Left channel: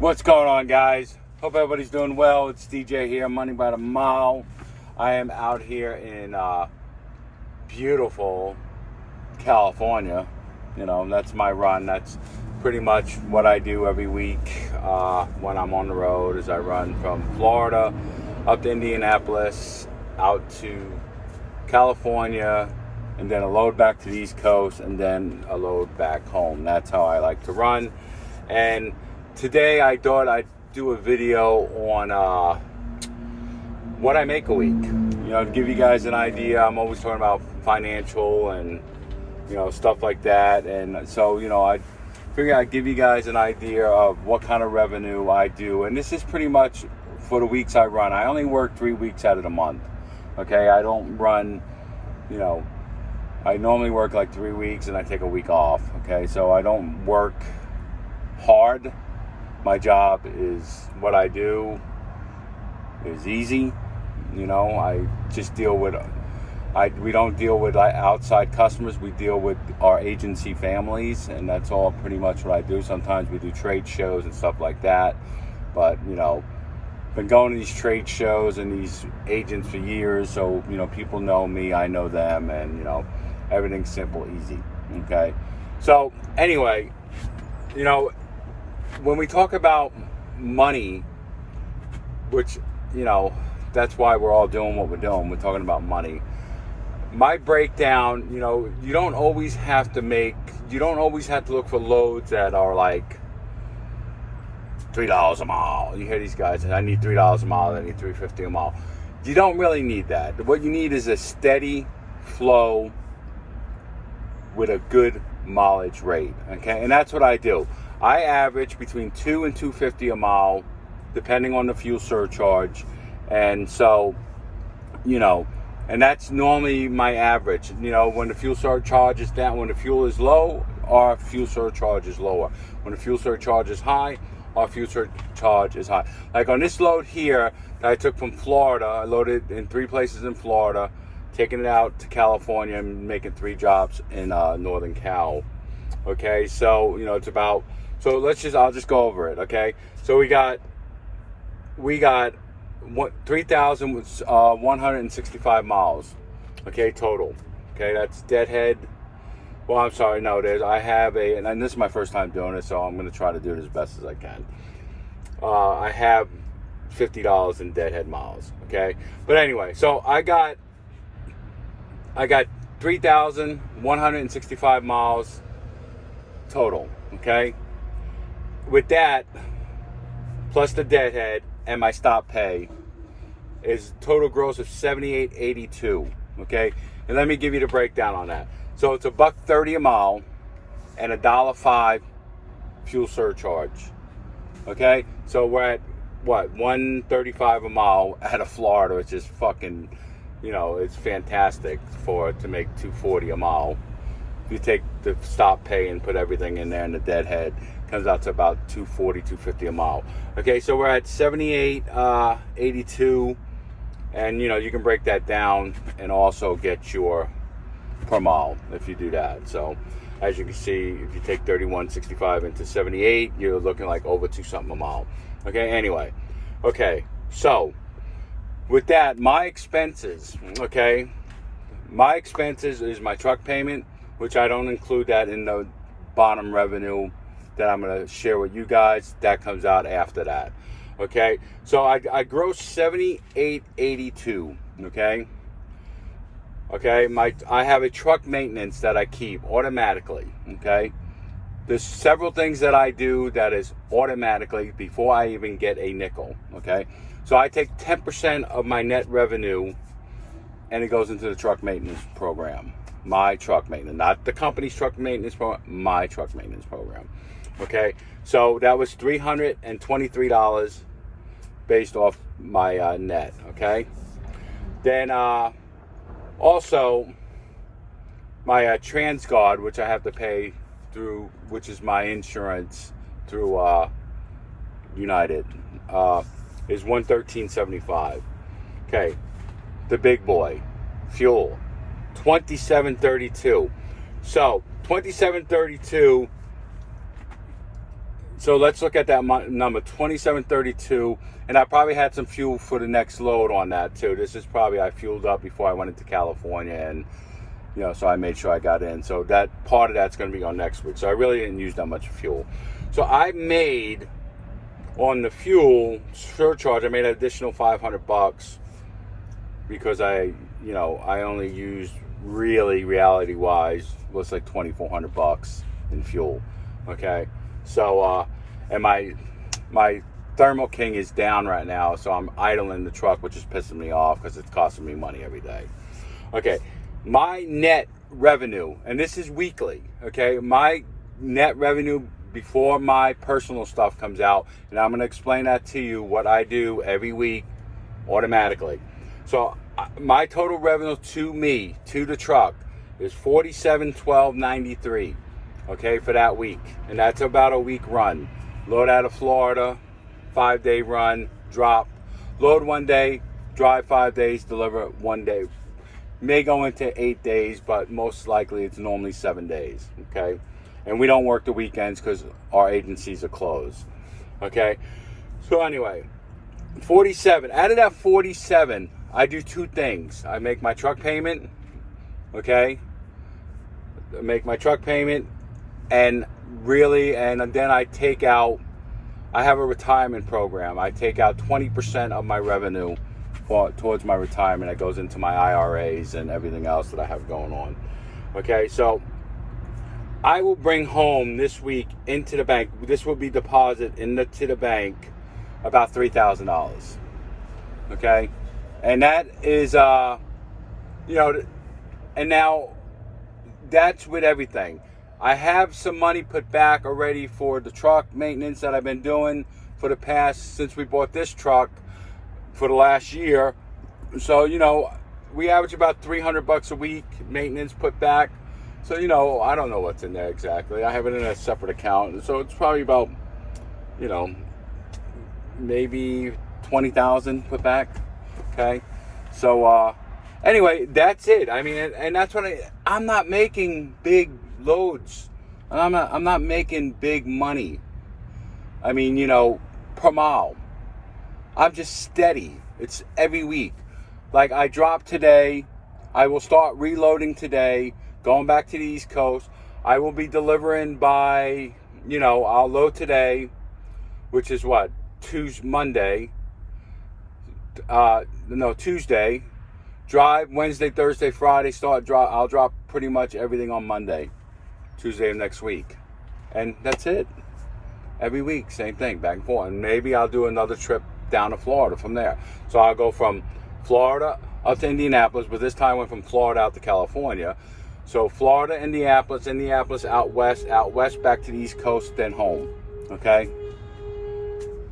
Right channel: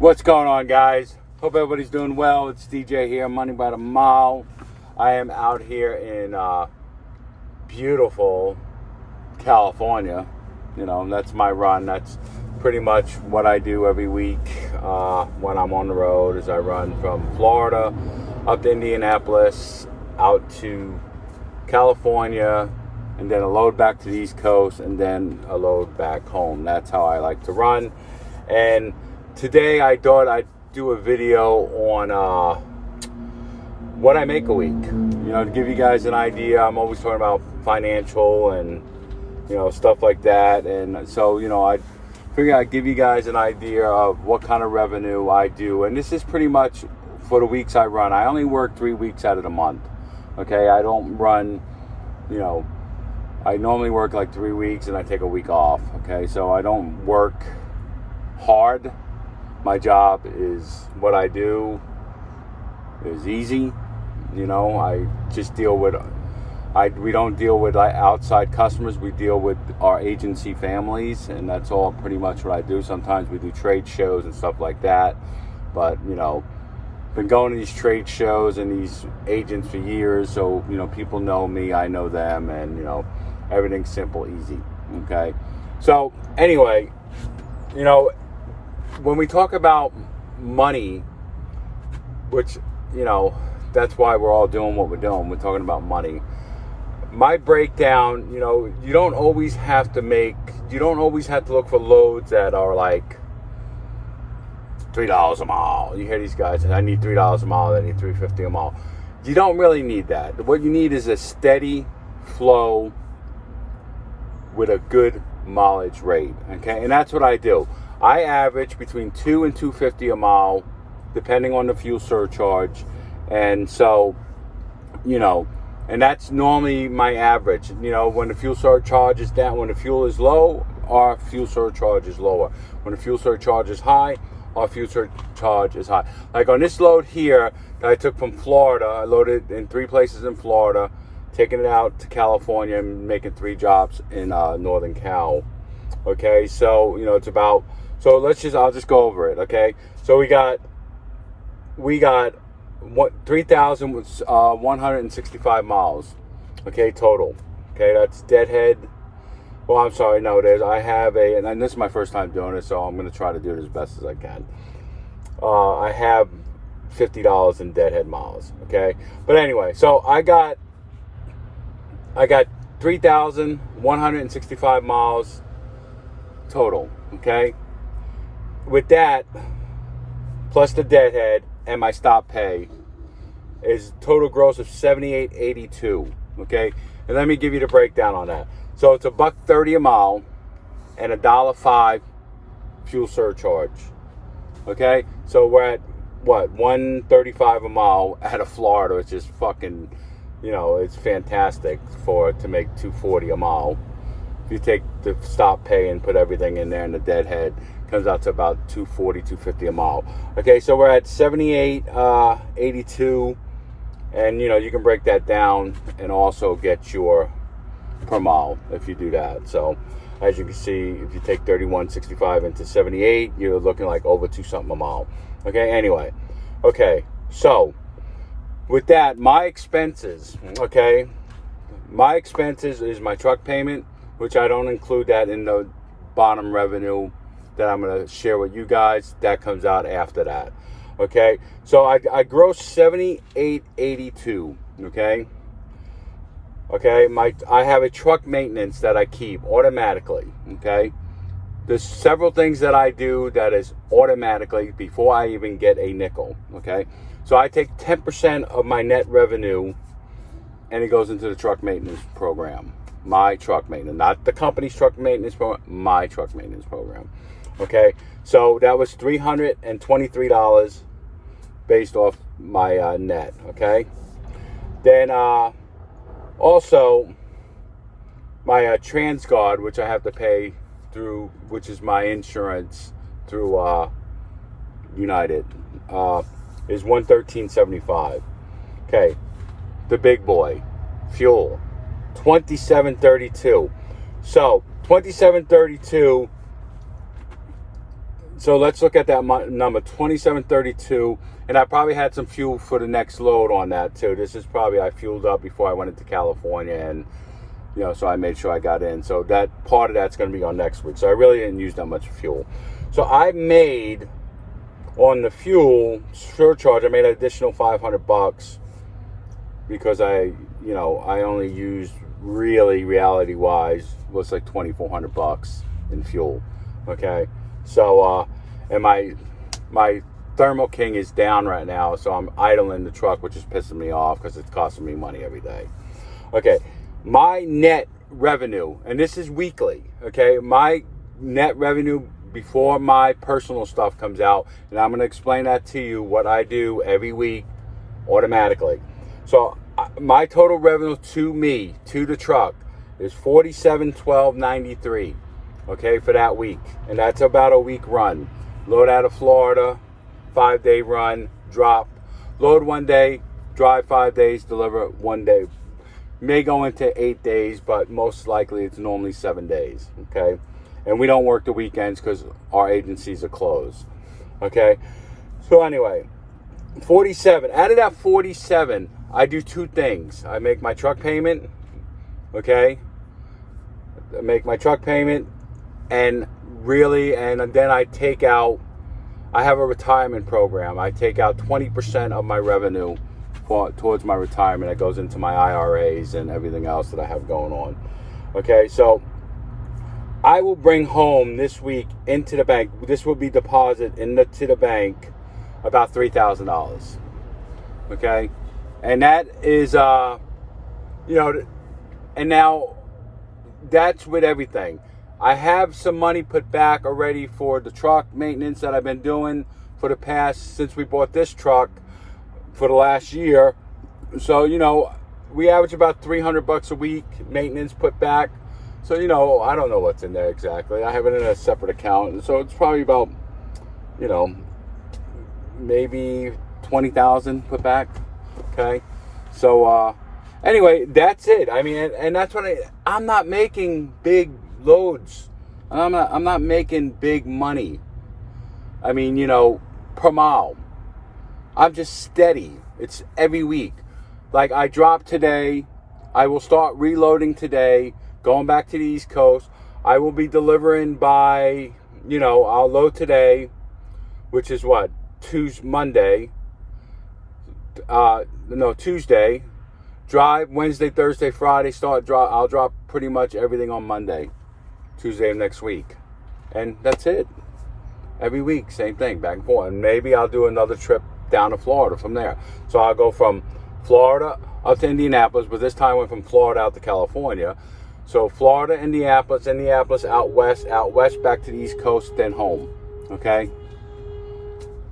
What's going on, guys? Hope everybody's doing well. It's DJ here, Money by the Mile. I am out here in beautiful California. You know, that's my run. That's pretty much what I do every week when I'm on the road. Is I run from Florida up to Indianapolis, out to California, and then a load back to the East Coast, and then a load back home. That's how I like to run. And today I thought I'd do a video on what I make a week. You know, to give you guys an idea. I'm always talking about financial and, you know, stuff like that. And so, you know, I figure I'd give you guys an idea of what kind of revenue I do. And this is pretty much for the weeks I run. I only work 3 weeks out of the month. Okay, I don't run, you know, I normally work like 3 weeks and I take a week off. Okay, so I don't work hard. My job is what I do is easy. You know, I just deal with, we don't deal with outside customers. We deal with our agency families, and that's all pretty much what I do. Sometimes we do trade shows and stuff like that. But, you know, been going to these trade shows and these agents for years. So, you know, people know me, I know them, and, you know, everything's simple, easy. Okay. So anyway, you know, when we talk about money, which, you know, that's why we're all doing what we're doing. We're talking about money. My breakdown, you know, you don't always have to look for loads that are like $3 a mile. You hear these guys, I need $3 a mile, I need $3.50 a mile. You don't really need that. What you need is a steady flow with a good mileage rate. Okay, and that's what I do. I average between $2 and $2.50 a mile, depending on the fuel surcharge. And so, you know, and that's normally my average. You know, when the fuel surcharge is down, when the fuel is low, our fuel surcharge is lower. When the fuel surcharge is high, our fuel surcharge is high. Like on this load here that I took from Florida, I loaded in 3 places in Florida, taking it out to California and making 3 jobs in Northern Cal. Okay, so, you know, it's about, so I'll just go over it, okay? So we got 3,165 miles, okay, total. Okay, that's deadhead. Well, I'm sorry, no, I have and this is my first time doing it, so I'm going to try to do it as best as I can. I have $50 in deadhead miles, okay? But anyway, so I got 3,165 miles total, okay? With that, plus the deadhead and my stop pay, is total gross of $78.82. Okay, and let me give you the breakdown on that. So it's $1.30 a mile and $1.05 fuel surcharge. Okay, so we're at what, $1.35 a mile out of Florida, which is fucking, you know, it's fantastic to make $2.40 a mile. If you take the stop pay and put everything in there and the deadhead, comes out to about $2.40, $2.50 a mile. Okay, so we're at $78.82, and you know, you can break that down and also get your per mile if you do that. So as you can see, if you take 31.65 into 78, you're looking like over 2 something a mile. Okay, anyway, okay, so with that, my expenses, okay, my expenses is my truck payment, which I don't include that in the bottom revenue that I'm going to share with you guys. That comes out after that. Okay, so I grossed $78.82. Okay, I have a truck maintenance that I keep automatically. Okay, there's several things that I do that is automatically before I even get a nickel. Okay, so I take 10% of my net revenue and it goes into the truck maintenance program. My truck maintenance, not the company's truck maintenance program, my truck maintenance program. Okay, so that was $323 based off my net. Okay, then also my TransGuard, which I have to pay through, which is my insurance through United, is $113.75. Okay, the big boy, fuel, $27.32. So $27.32 So let's look at that number, 2732, and I probably had some fuel for the next load on that too. This is probably, I fueled up before I went into California, and so I made sure I got in. So that part of that's going to be on next week. So I really didn't use that much fuel. So I made on the fuel surcharge, I made an additional $500 because I only used, really reality wise, was like $2,400 in fuel. Okay. So, and my Thermo King is down right now, so I'm idling the truck, which is pissing me off because it's costing me money every day. Okay, my net revenue, and this is weekly, okay, my net revenue before my personal stuff comes out, and I'm going to explain that to you, what I do every week automatically. So, my total revenue to me, to the truck, is $47,12.93. Okay, for that week. And that's about a week run. Load out of Florida, 5-day run, drop. Load 1 day, drive 5 days, deliver 1 day. May go into 8 days, but most likely it's normally 7 days. Okay, and we don't work the weekends because our agencies are closed. Okay, so anyway, 47. Out of that 47, I do two things. I make my truck payment. Okay, I make my truck payment. And then I take out, I have a retirement program. I take out 20% of my revenue towards my retirement. That goes into my IRAs and everything else that I have going on. Okay, so I will bring home this week into the bank, this will be deposited to the bank, about $3,000. Okay, and that is, and now that's with everything. I have some money put back already for the truck maintenance that I've been doing for the past, since we bought this truck, for the last year. So, we average about $300 a week maintenance put back. So, I don't know what's in there exactly. I have it in a separate account. So it's probably about, maybe $20,000 put back. Okay. So, anyway, that's it. I mean, and that's what I'm not making big loads. I'm not making big money. I mean, per mile. I'm just steady. It's every week. Like, I dropped today. I will start reloading today, going back to the East Coast. I will be delivering by, I'll load today, which is what? Tuesday. Drive Wednesday, Thursday, Friday, I'll drop pretty much everything on Monday, Tuesday of next week. And that's it. Every week, same thing, back and forth. And maybe I'll do another trip down to Florida from there. So I'll go from Florida up to Indianapolis, but this time I went from Florida out to California. So Florida, Indianapolis out west, back to the East Coast, then home. Okay?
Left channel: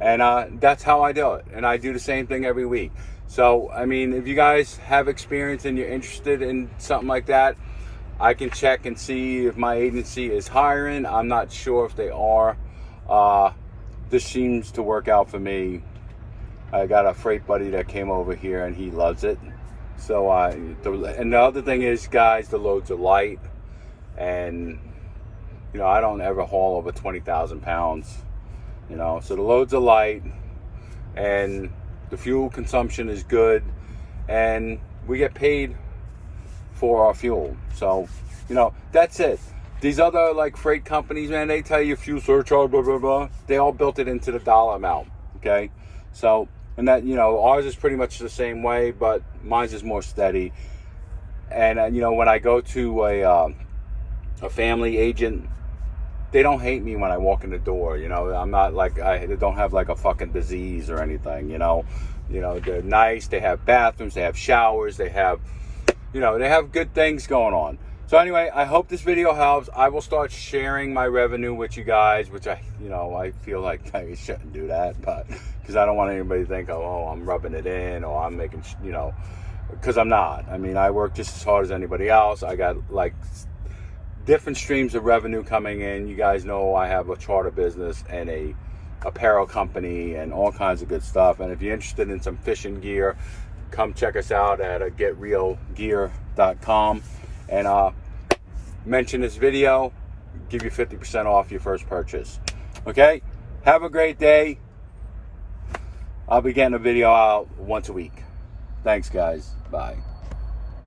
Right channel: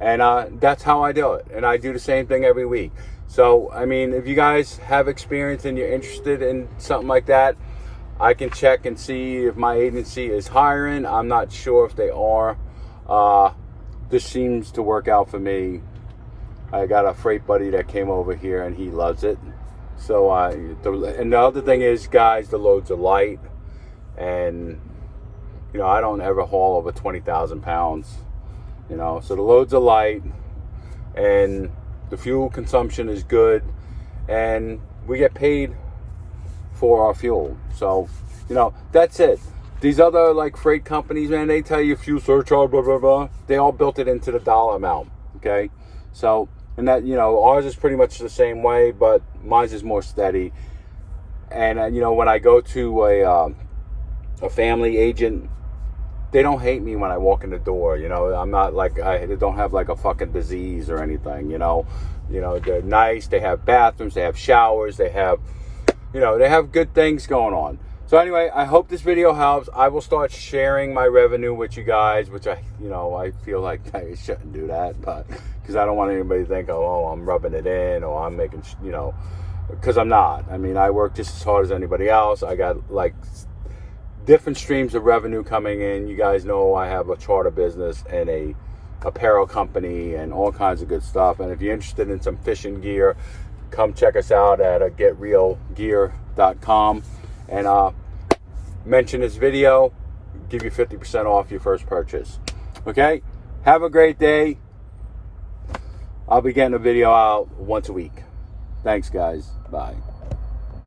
And that's how I do it. And I do the same thing every week. So, I mean, if you guys have experience and you're interested in something like that, I can check and see if my agency is hiring. I'm not sure if they are. This seems to work out for me. I got a freight buddy that came over here and he loves it. So, and the other thing is, guys, the loads are light. And, I don't ever haul over 20,000 pounds. So the loads are light. And the fuel consumption is good, and we get paid for our fuel. So, that's it. These other freight companies, man, they tell you fuel surcharge, blah, blah, blah. They all built it into the dollar amount. Okay. So, and that, ours is pretty much the same way, but mine's is more steady. And, when I go to a family agent, they don't hate me when I walk in the door. I'm not I don't have a fucking disease or anything. They're nice. They have bathrooms. They have showers. They have, they have good things going on. So anyway, I hope this video helps. I will start sharing my revenue with you guys, which I feel like I shouldn't do that, but because I don't want anybody to think, oh, I'm rubbing it in, or I'm making, because I'm not. I mean, I work just as hard as anybody else. I got different streams of revenue coming in. You guys know I have a charter business and a apparel company and all kinds of good stuff. And if you're interested in some fishing gear, come check us out at getrealgear.com and mention this video, give you 50% off your first purchase. Okay? Have a great day. I'll be getting a video out once a week. Thanks, guys. Bye.